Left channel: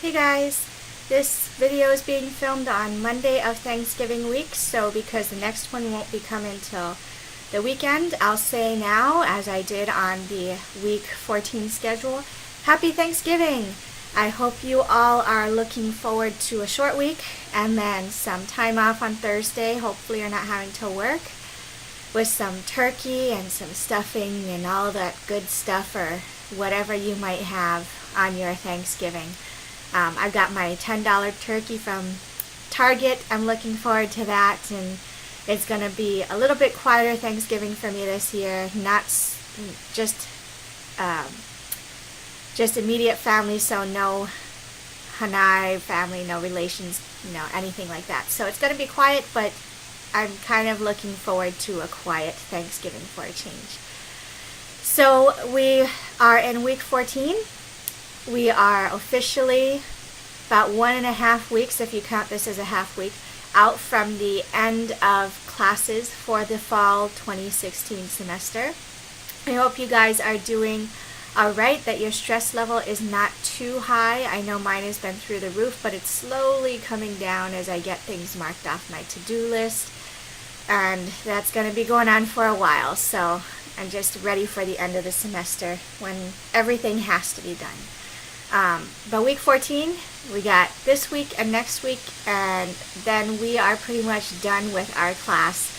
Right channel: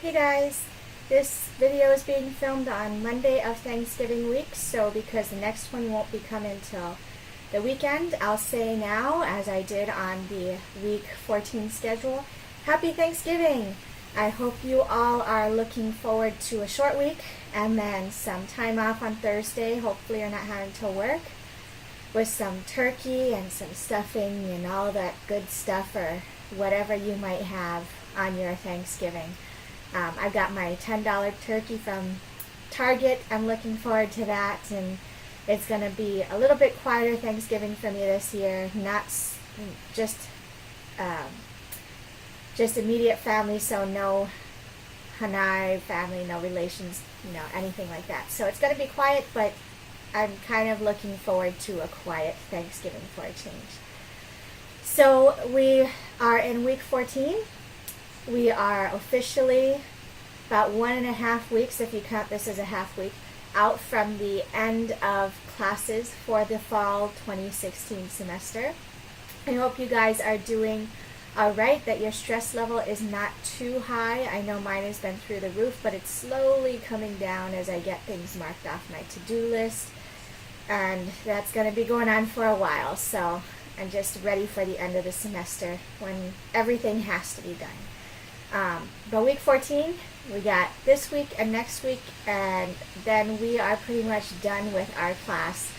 Hey guys, this video is being filmed on Monday of Thanksgiving week, so because the next one won't be coming till the weekend, I'll say now, as I did on the week 14 schedule, Happy Thanksgiving! I hope you all are looking forward to a short week and then some time off on Thursday. Hopefully you're not having to work, with some turkey and some stuffing and all that good stuff or whatever you might have on your Thanksgiving. I've got my $10 turkey from Target. I'm looking forward to that, and it's going to be a little bit quieter Thanksgiving for me this year. Not just immediate family, so no Hanai family, no relations, anything like that. So it's going to be quiet, but I'm kind of looking forward to a quiet Thanksgiving for a change. So we are in week 14. We are officially about 1.5 weeks, if you count this as a half week, out from the end of classes for the fall 2016 semester. I hope you guys are doing all right, that your stress level is not too high. I know mine has been through the roof, but it's slowly coming down as I get things marked off my to-do list, and that's going to be going on for a while. So I'm just ready for the end of the semester when everything has to be done. But week 14, we got this week and next week, and then we are pretty much done with our class,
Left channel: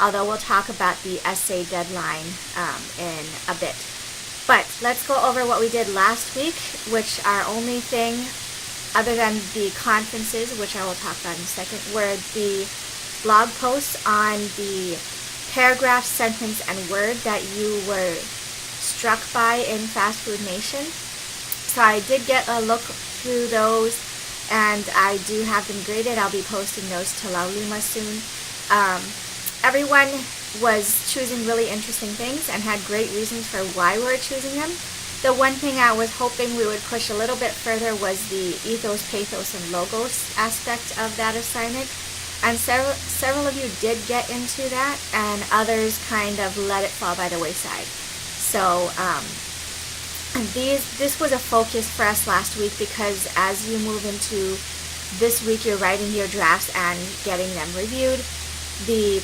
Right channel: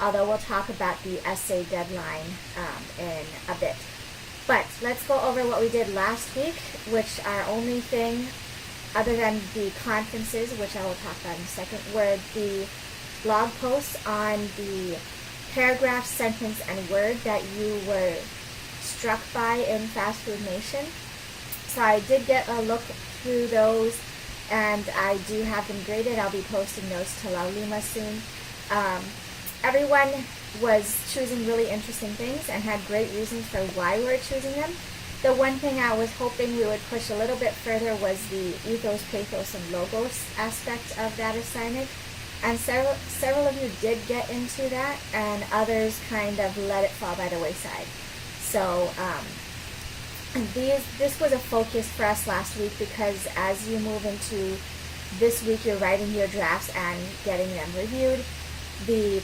although we'll talk about the essay deadline in a bit. But let's go over what we did last week, which our only thing, other than the conferences, which I will talk about in a second, were the blog posts on the paragraph, sentence, and word that you were struck by in Fast Food Nation. So I did get a look through those, and I do have them graded. I'll be posting those to Laulima soon. Everyone was choosing really interesting things and had great reasons for why we were choosing them. The one thing I was hoping we would push a little bit further was the ethos, pathos, and logos aspect of that assignment. And several of you did get into that, and others kind of let it fall by the wayside. So this was a focus for us last week, because as you move into this week, you're writing your drafts and getting them reviewed. The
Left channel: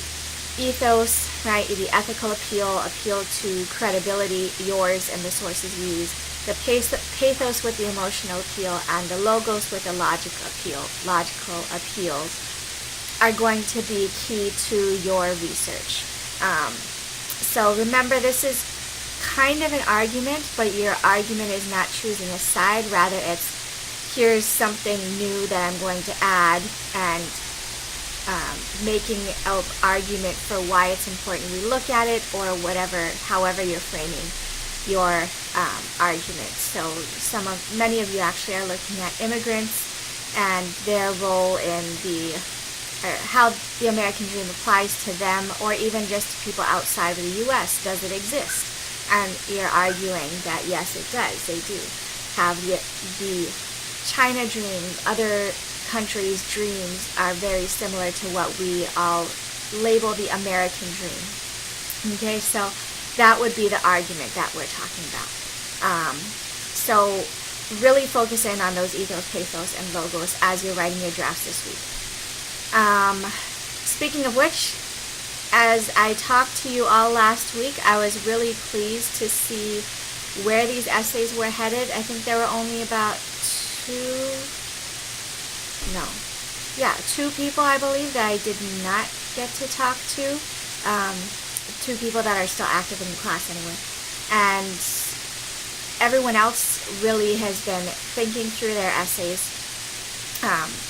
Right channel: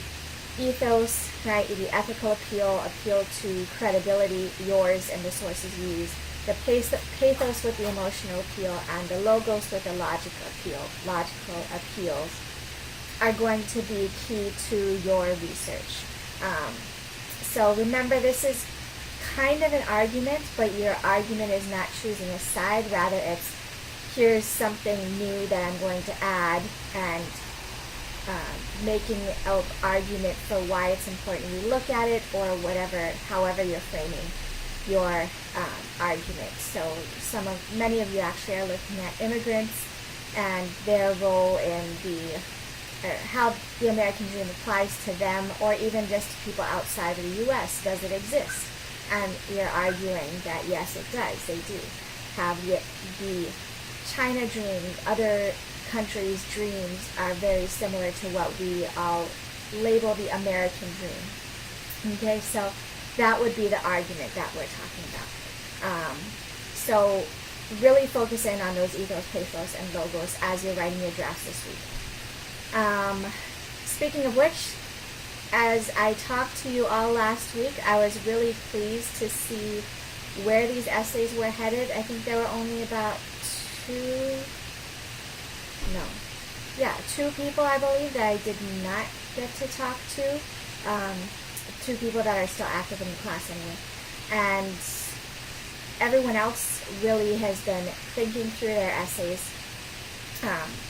ethos, right, the ethical appeal to credibility, yours and the sources used, the pathos with the emotional appeal, and the logos with the logical appeals are going to be key to your research. So remember, this is kind of an argument, but your argument is not choosing a side. Rather, it's here's something new that I'm going to add, and making an argument for why it's important we look at it, or however you're framing your argument. So many of you actually are looking at immigrants and their role in how the American dream applies to them, or even just to people outside of the U.S. Does it exist? And you're arguing that yes, it does. They do have the China dream. Other countries' dreams are very similar to what we all label the American dream. Okay, so that would be the argument that we're talking about. So really focus in on those ethos, pathos, and logos as you're writing your drafts this week. Speaking of which, as I talked to you all last week, I was really pleased to see where these essays were headed. I think there were only about two people, I believe, that I did not get to talk to. Two people that are still active in the class anyway. And everyone else really has been thinking through their essays.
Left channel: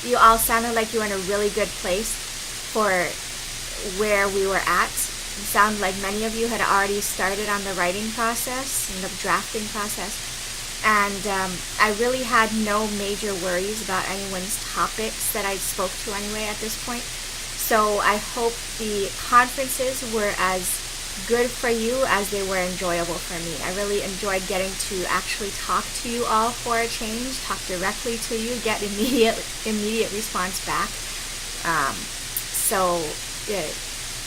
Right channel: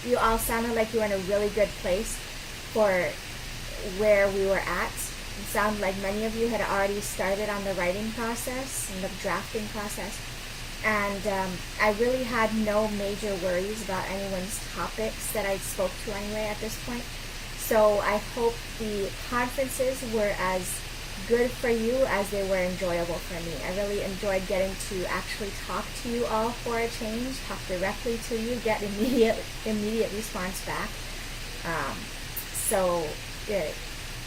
You all sounded like you were in a really good place for where we were at. It sounded like many of you had already started on the writing process and the drafting process. And I really had no major worries about anyone's topics that I spoke to anyway at this point. So I hope the conferences were as good for you as they were enjoyable for me. I really enjoyed getting to actually talk to you all for a change, talk directly to you, get immediate response back. So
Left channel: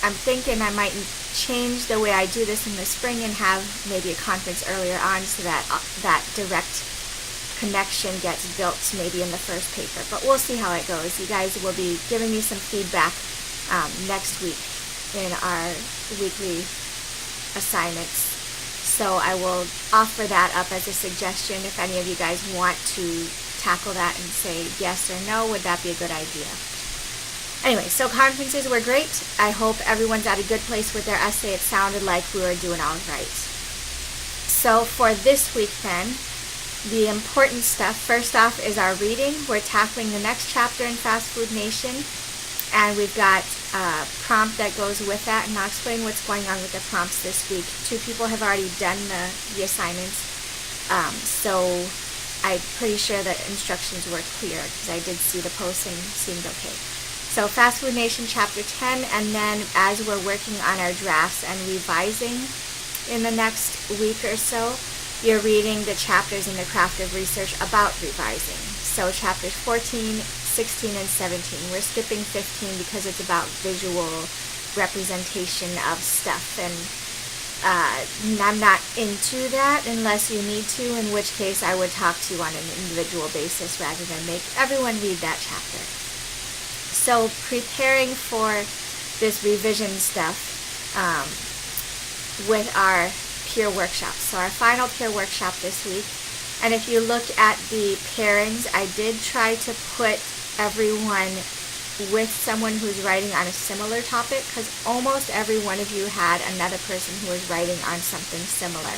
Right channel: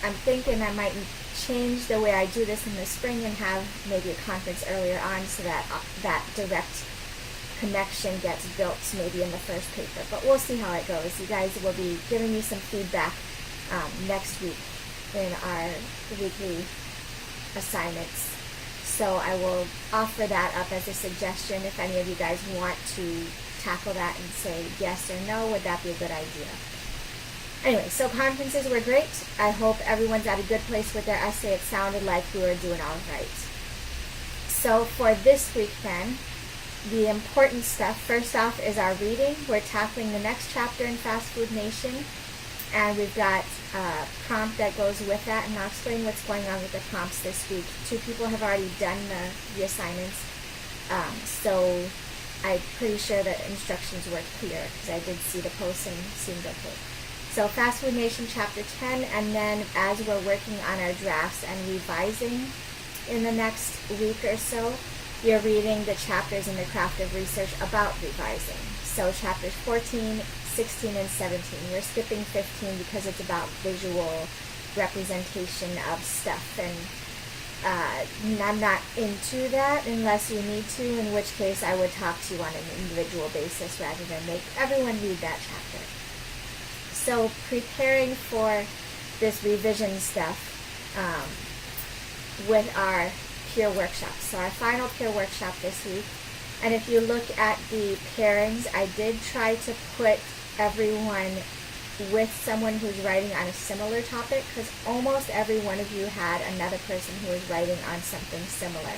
I'm thinking I might change the way I do this in the spring and have maybe a conference earlier on, so that that direct connection gets built maybe in the first paper. But we'll see how it goes. You guys will be giving me some feedback next week in our weekly assignments. So I will offer that up as a suggestion if any of you guys want to tackle that and say yes or no, would that be a good idea? Anyway, so conferences were great. I hope everyone's at a good place with their essay. It sounded like we were doing all right. So for this week then, the important stuff, first off, is our reading. We're tackling the next chapter in Fast Food Nation, and we've got a prompt that goes with that, and I'll explain what's going on with the prompts this week. 2 people have already done the assignments, so I'm pretty sure that instructions were clear because I did see the post and seemed okay. So Fast Food Nation Chapter 10, and then as we're working on our drafts and revising in the next week or so, you're reading the chapters in the Craft of Research about revising. So chapters 14, 16, and 17. We're skipping 15 because it's about visual representation of stuff, and I'm not into that unless you need to, in which case I would talk to you on an individual basis rather than make everyone read that chapter. So preparing for this revision stuff with our peer workshops. So our final peer workshop this week. And if you look at the pairings, I did try to put everyone with someone who's writing on a similar topic, because almost every one of you had another person who was writing on something similar.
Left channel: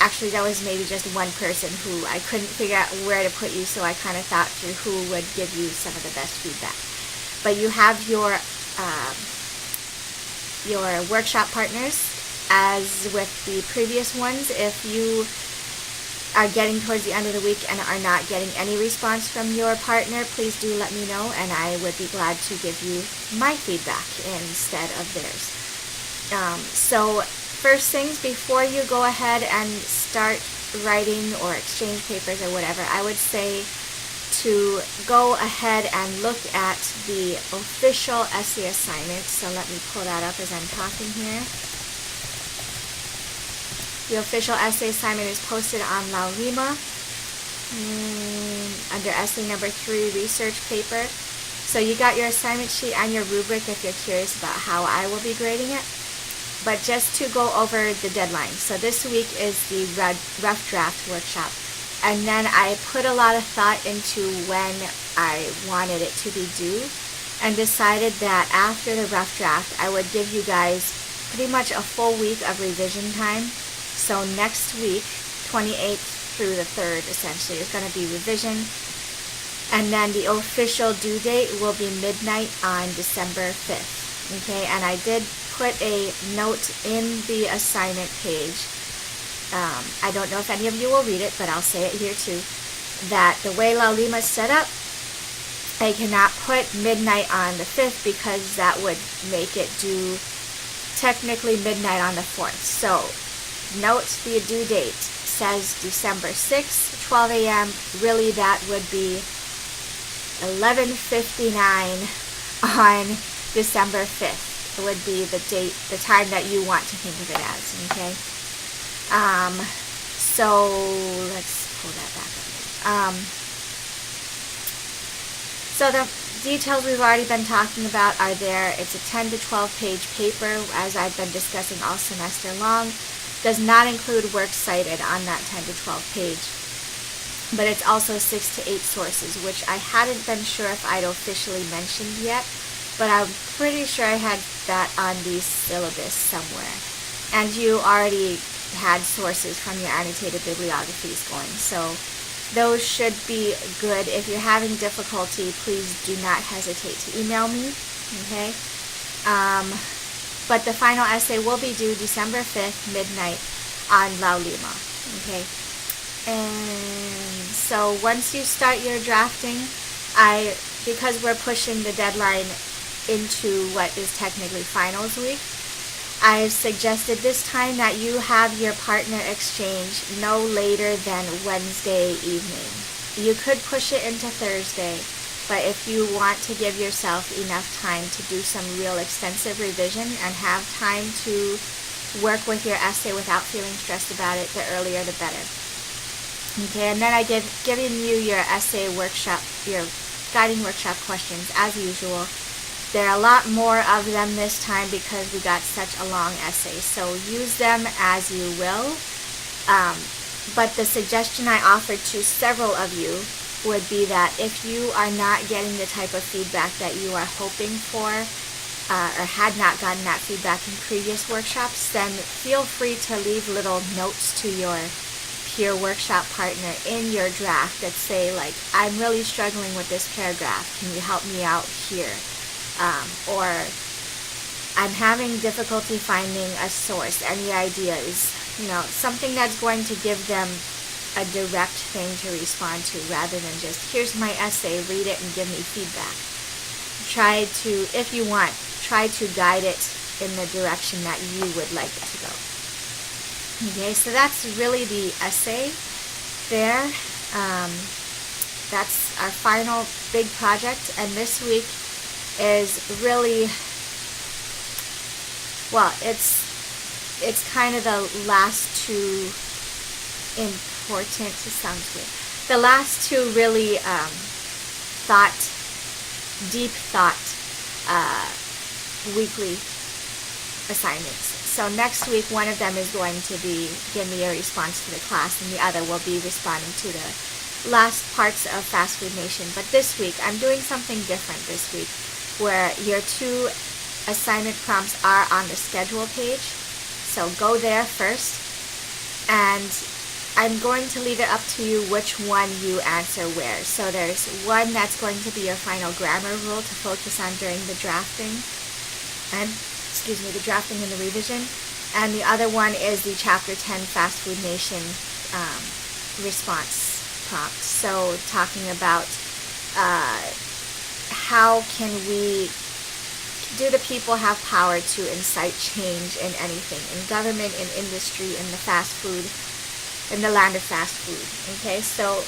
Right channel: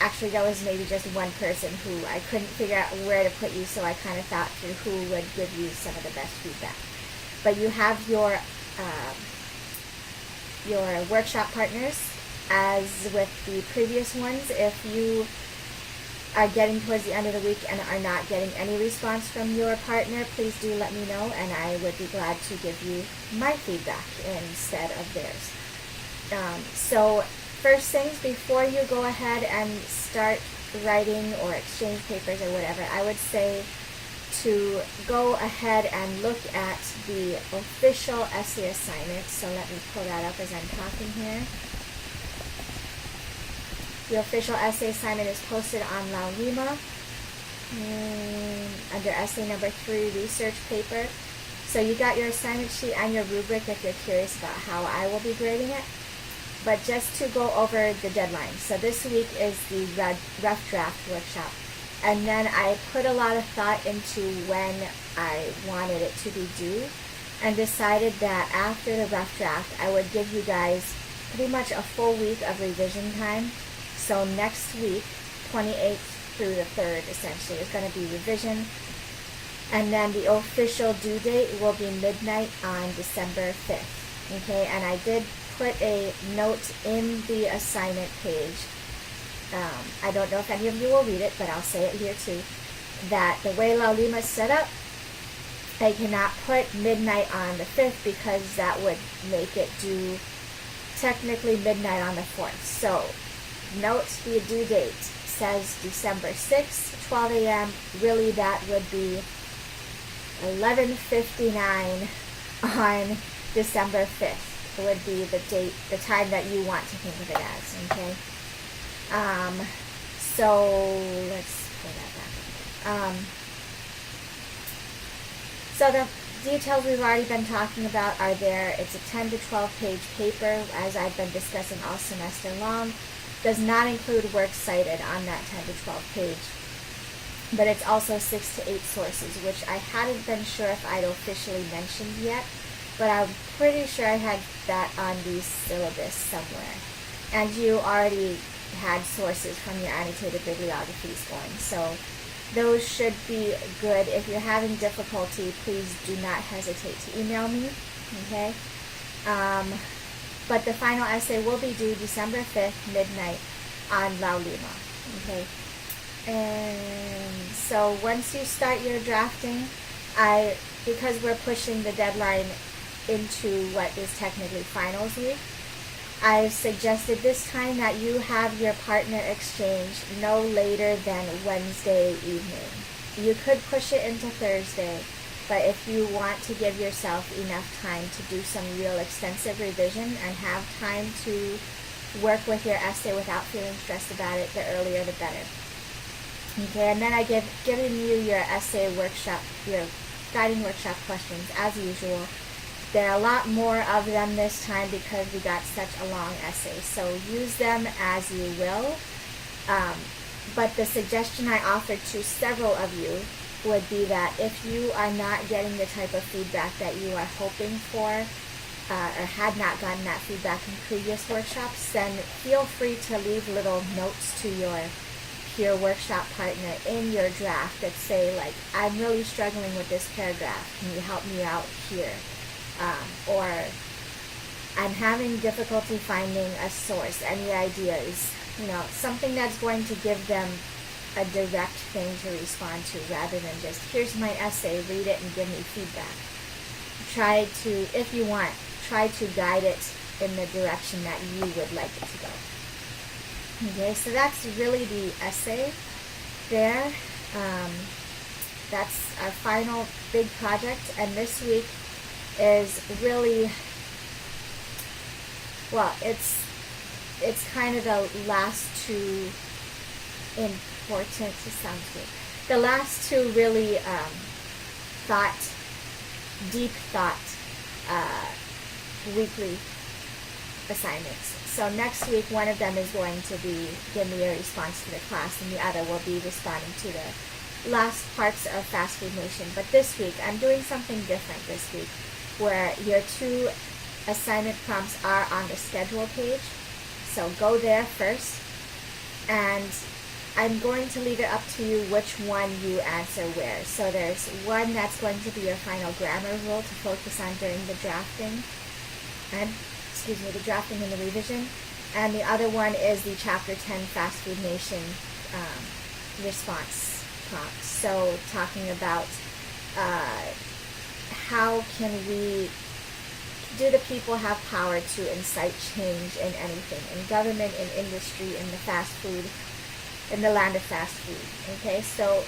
Actually, there was maybe just one person who I couldn't figure out where to put you, so I kind of thought through who would give you some of the best feedback. But you have your workshop partners, as with the previous ones. If you are getting towards the end of the week and are not getting any response from your partner, please do let me know, and I would be glad to give you my feedback instead of theirs. So first things, before you go ahead and start writing or exchange papers or whatever, I would say to go ahead and look at the official essay assignment. So let me pull that up as I'm talking here. The official essay assignment is posted on La Lima under essay number 3, research paper. So you got your assignment sheet and your rubric if you're curious about how I will be grading it. But just to go over the deadline. So this week is the rough draft workshop. And then I put a lot of thought into when I wanted it to be due, and decided that after the rough draft, I would give you guys pretty much a full week of revision time. So next week, 28th through the 3rd, essentially, is going to be revision. And then the official due date will be midnight on December 5th. Okay, and I did put a note in the assignment page. I don't know if any of you will read it, but I'll say it here too, that the way La Lima is set up, I cannot put midnight on the 5th because that would make it due technically midnight on the 4th. So note the due date says December 6th, 12 a.m. Really, that would be 11:59 on December 5th. It would be the date, the time that you want to think of it as, okay? So let's pull that back up. So the details we've already been talking about are there. It's a 10 to 12 page paper, as I've been discussing all semester long. Does not include works cited on that 10 to 12 page. But it's also 6 to 8 sources, which I hadn't been sure if I'd officially mentioned yet, but I'm pretty sure I had that on the syllabus somewhere. And you already had sources from your annotated bibliographies going, so those should be good. If you're having difficulty, please do not hesitate to email me, okay? But the final essay will be due December 5th, midnight, on La Lima, okay? And so once you start your drafting, because we're pushing the deadline into what is technically finals week, I've suggested this time that you have your partner exchange no later than Wednesday evening. You could push it into Thursday, but if you want to give yourself enough time to do some real extensive revision and have time to work with your essay without feeling stressed about it, the earlier the better. Okay, and then I given you your essay workshop, your guiding workshop questions as usual. There are a lot more of them this time because we got such a long essay, so use them as you will. But the suggestion I offered to several of you would be that if you are not getting the type of feedback that you are hoping for, or had not gotten that feedback in previous workshops, then feel free to leave little notes to your peer workshop partner in your draft that say, like, I'm really struggling with this paragraph. Can you help me out here? Or I'm having difficulty finding a source. Any ideas? Something that's going to give them a direct thing to respond to rather than just, here's my essay, read it and give me feedback. Try to, if you want, try to guide it in the direction that you would like it to go. Okay, so that's really the essay there. That's our final big project, and this week is really, well, it's kind of the last two important, it sounds good, the last two really deep thought weekly assignments. So next week, one of them is going to be give me a response to the class, and the other will be responding to the last parts of Fast Food Nation. But this week, I'm doing something different this week, where your two assignment prompts are on the schedule page. So go there first, and I'm going to leave it up to you which one you answer where. So there's one that's going to be your final grammar rule to focus on during the drafting, and the drafting and the revision. And the other one is the Chapter 10 Fast Food Nation response prompt. So talking about how can we, do the people have power to incite change in anything, in government, in industry, in the fast food, in the land of fast food. Okay, so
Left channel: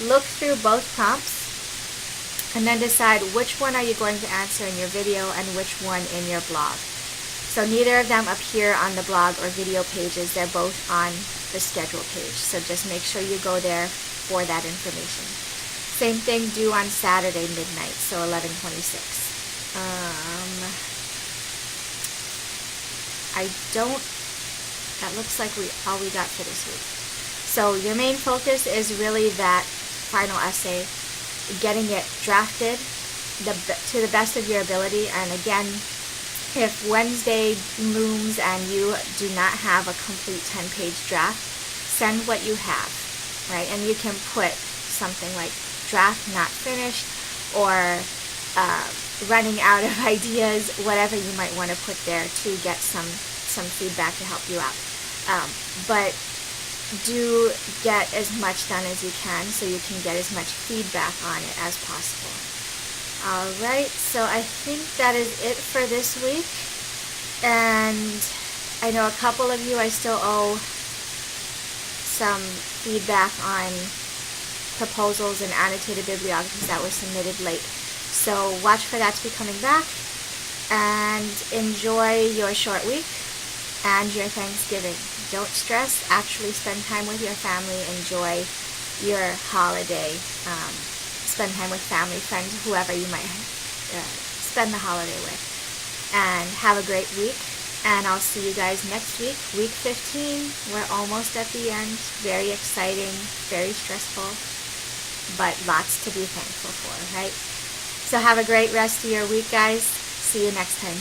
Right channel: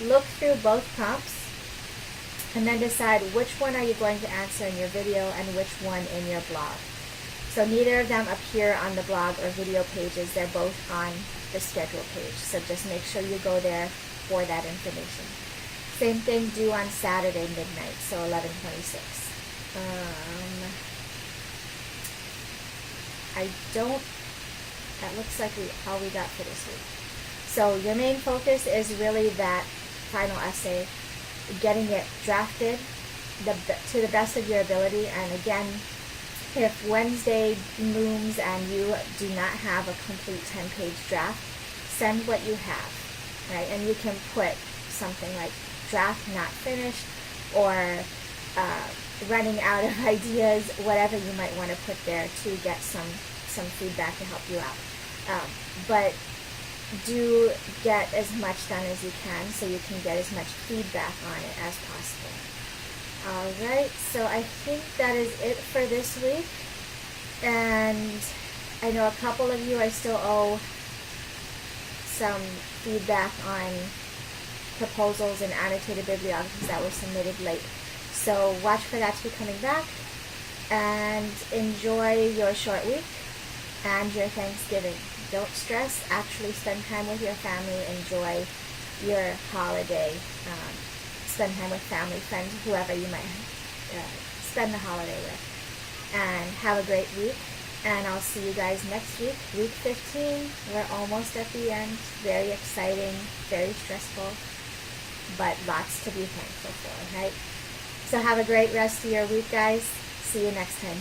look through both prompts and then decide which one are you going to answer in your video and which one in your blog. So neither of them appear on the blog or video pages. They're both on the schedule page. So just make sure you go there for that information. Same thing due on Saturday midnight, so 11:26. That looks like all we got for this week. So your main focus is really that final essay, getting it drafted to the best of your ability. And again, if Wednesday looms and you do not have a complete 10-page draft, send what you have, right? And you can put something like draft not finished, or running out of ideas, whatever you might want to put there to get some feedback to help you out. But do get as much done as you can so you can get as much feedback on it as possible. Alright, so I think that is it for this week. And I know a couple of you I still owe some feedback on proposals and annotated bibliographies that were submitted late. So watch for that to be coming back, and enjoy your short week and your Thanksgiving. Don't stress, actually spend time with your family, enjoy your holiday, spend time with family, friends, whoever you might spend the holiday with, and have a great week. And I'll see you guys next week, week 15. We're almost at the end. Very exciting, very stressful, but lots to be thankful for, right? So have a great rest of your week, guys. See you next time.